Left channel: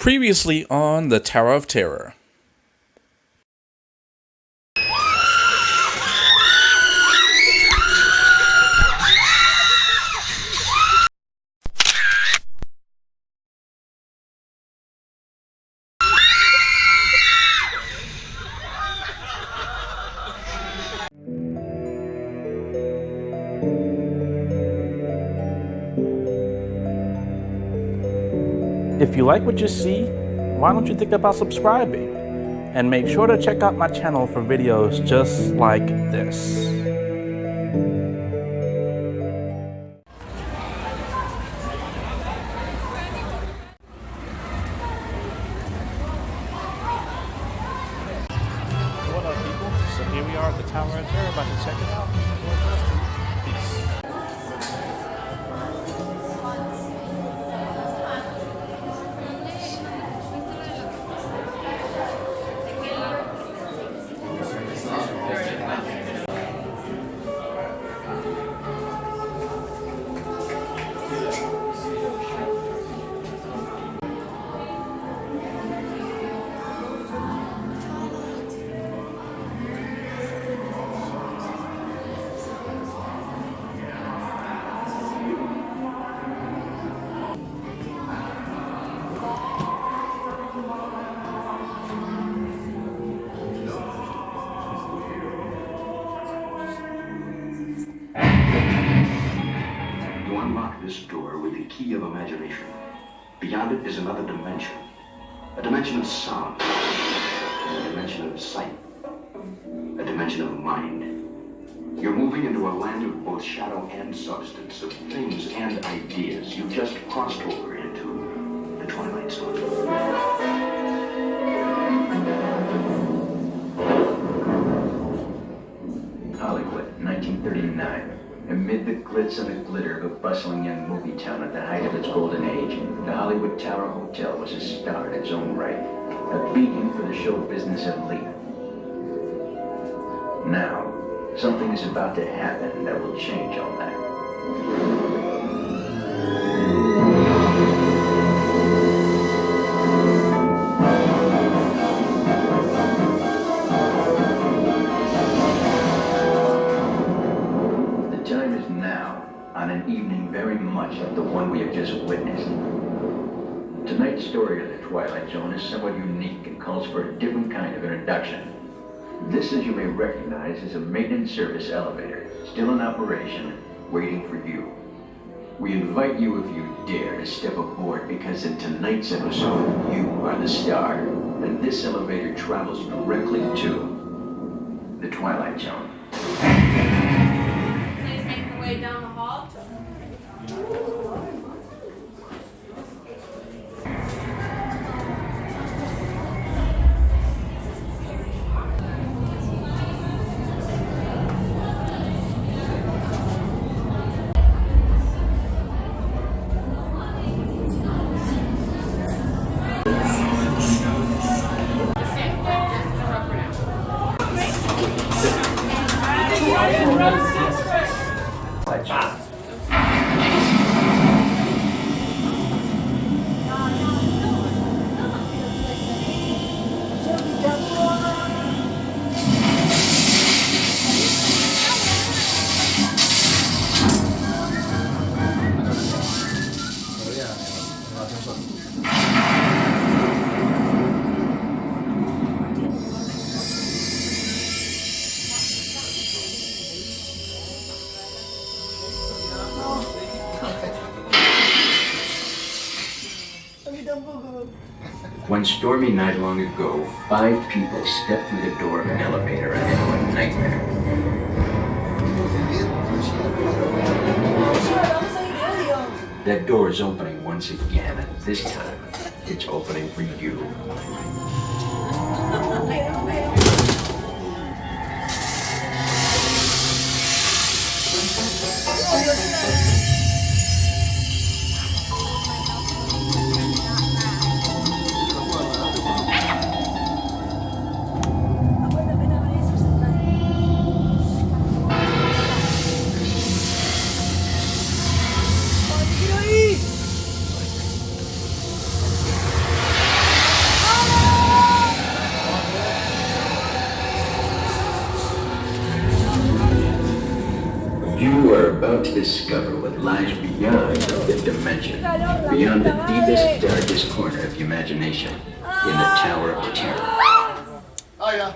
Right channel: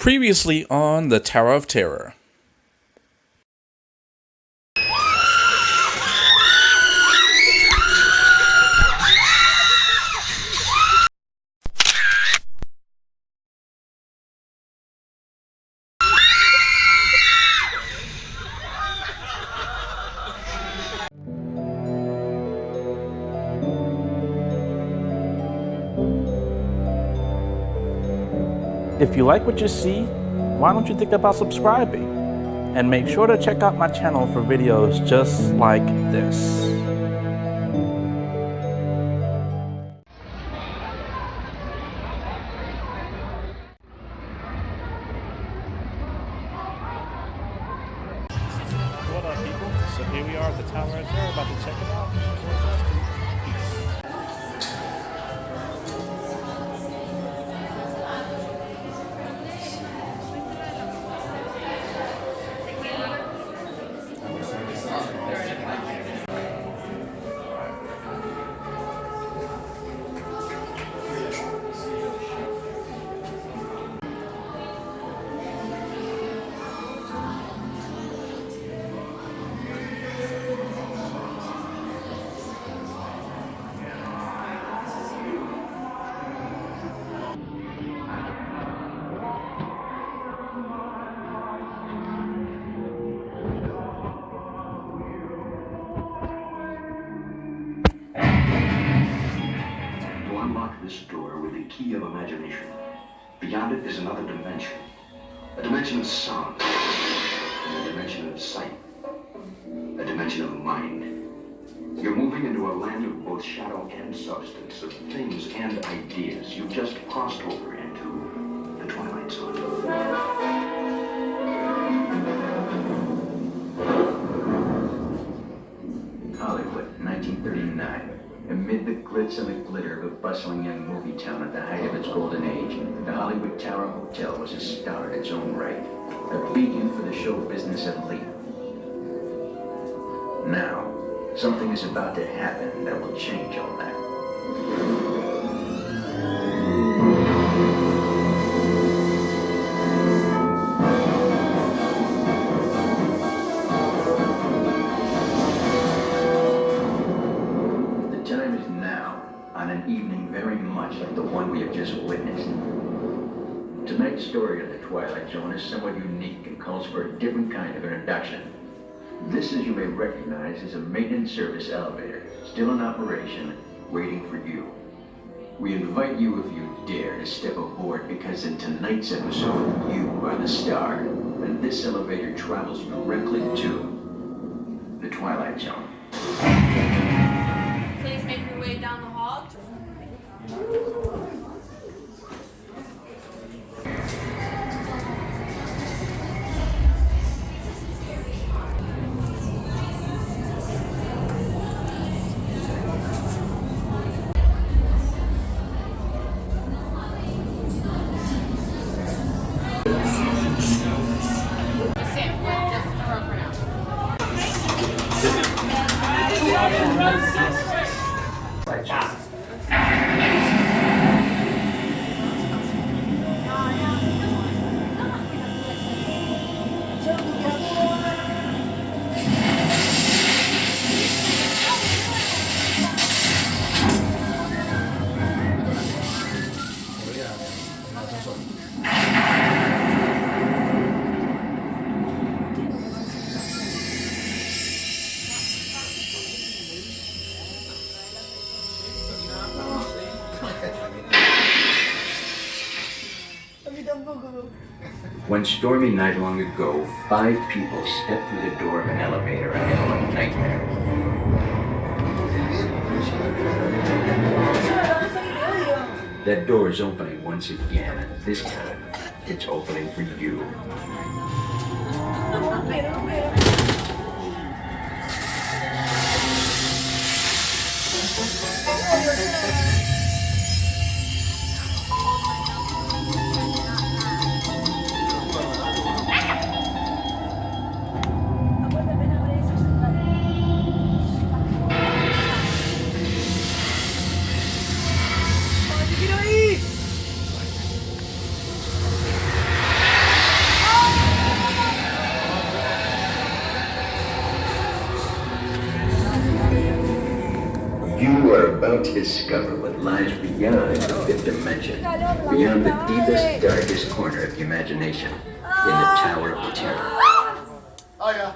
Previously on the Tower of Terror. If you like what you see, why don't you think about subscribing? And make sure to check out my channel for videos just like this. What up, people? So here we are at the Tower of Terror, about to check it out. Peace. This door with the key of imagination. Beyond it is another dimension. A dimension of sound. A dimension of sight. A dimension of mind. You're moving into a land of both shadow and substance, of things and ideas. You've just crossed over into the Twilight Zone. Hollywood, 1939. Amid the glitz and the glitter of a bustling young movie town at the height of its golden age, the Hollywood Tower Hotel was a star in its own right, a beacon for the show business elite. Now, something is about to happen that will change all that. On an evening very much like the one we have just witnessed. Tonight's story of the Twilight Zone is somewhat unique and calls for a different kind of introduction. This, as you may recognize, is a maintenance service elevator, still in operation, waiting for you. We invite you, if you dare, to step aboard, because in tonight's episode, you are the star, and this elevator travels directly to the Twilight Zone. Please make your way down the hall. One stormy night long ago, 5 people stepped through the door of an elevator ahead of a nightmare. That door is opening once again, and this time, it's opening for you. about to discover what lies beyond the fifth dimension, beyond the deepest, darkest corner of the imagination, in the Tower of Terror. Oh, yeah.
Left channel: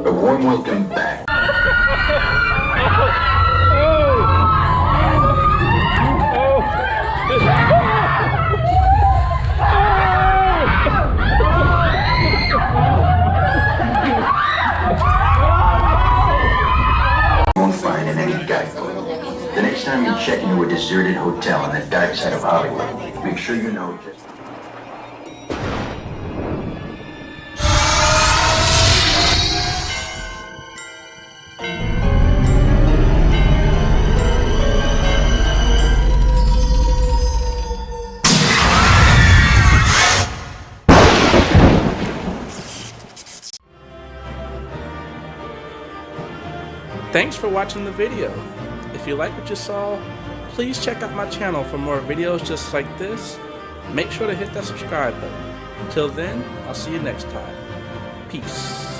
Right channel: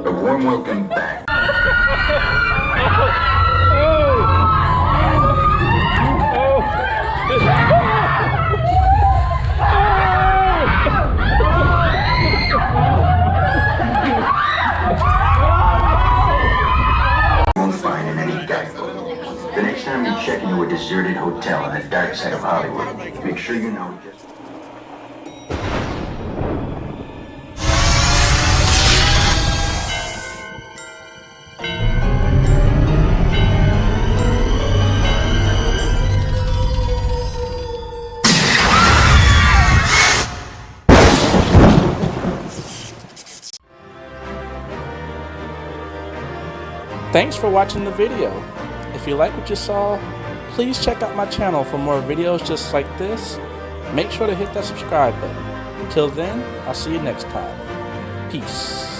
A warm welcome back. You won't find in any guidebook. The next time you check into a deserted hotel on the dark side of Hollywood, make sure you know just... Thanks for watching the video. If you like what you saw, please check out my channel for more videos just like this. Make sure to hit that subscribe button. Until then, I'll see you next time. Peace.